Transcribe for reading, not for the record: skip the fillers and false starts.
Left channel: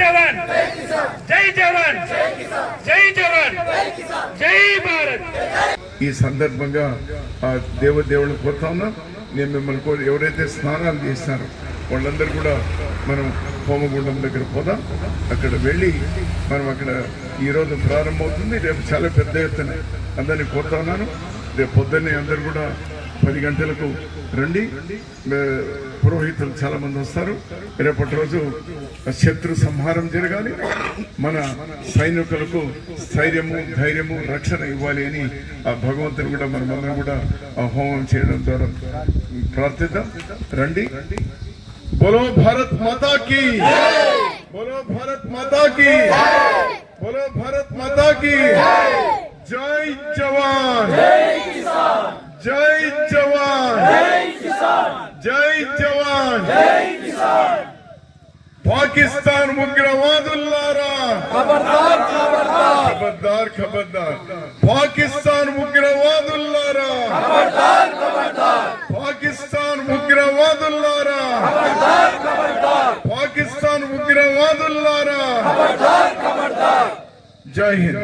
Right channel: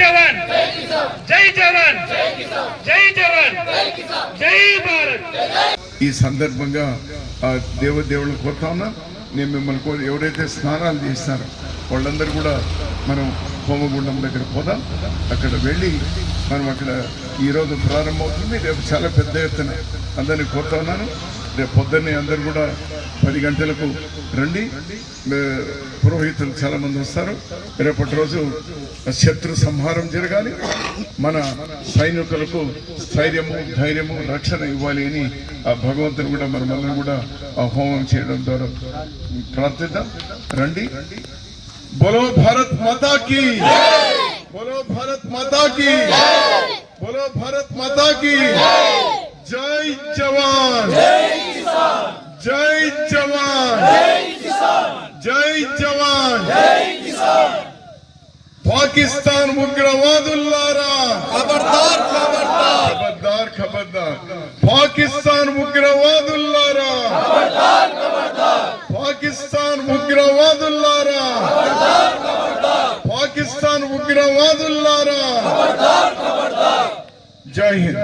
జవాన్ జై జవాన్ జై జవాన్ జై భారత్. ఈ సందర్భంగా ఆ దేవుళ్ళు కోరుతా ఉన్నా. నేను మిమ్మల్ని ఎవరైతే స్నానాలు చేసినారో వాళ్ళందరూ కూడా మనం హోమగుండం దగ్గర పోదాం. అక్కడ వెళ్ళి మనం అక్కడ ఈరోజు ప్రారంభమవుతుంది. రేపు చాలా పెద్ద ఎత్తున అందరినీ కోరుతా ఉన్నాను. రేపు పొద్దున్నే అందరు కూడా 10 గంటలకు రండి. పురోహితులు చాలా మంది వస్తారు. రేపటి రోజు శత్రు సంహారం జరగాలి. మన సైనికులకు స్థైర్యము ధైర్యము రక్షణ ఇవ్వాలి అని ఆ భగవంతుని కూడా మనమందరం కూడా ఆ హోమం చేయడం ద్వారా ప్రార్థిద్దాం. రండి. बोलो भारत माता की, बोलो भारत माता की, बोलो भारत माता की. जय जवान, जय जवान, जय जवान. पाकिस्तान उग्रवादुल्लारा खबरदार खबरदार खबरदार खबरदार. पाकिस्तान उग्रवादुल्लारा खबरदार खबरदार. पाकिस्तान उग्रवादुल्लारा खबरदार खबरदार. पाकिस्तान उग्रवादुल्लारा खबरदार खबरदार. जय हिंद.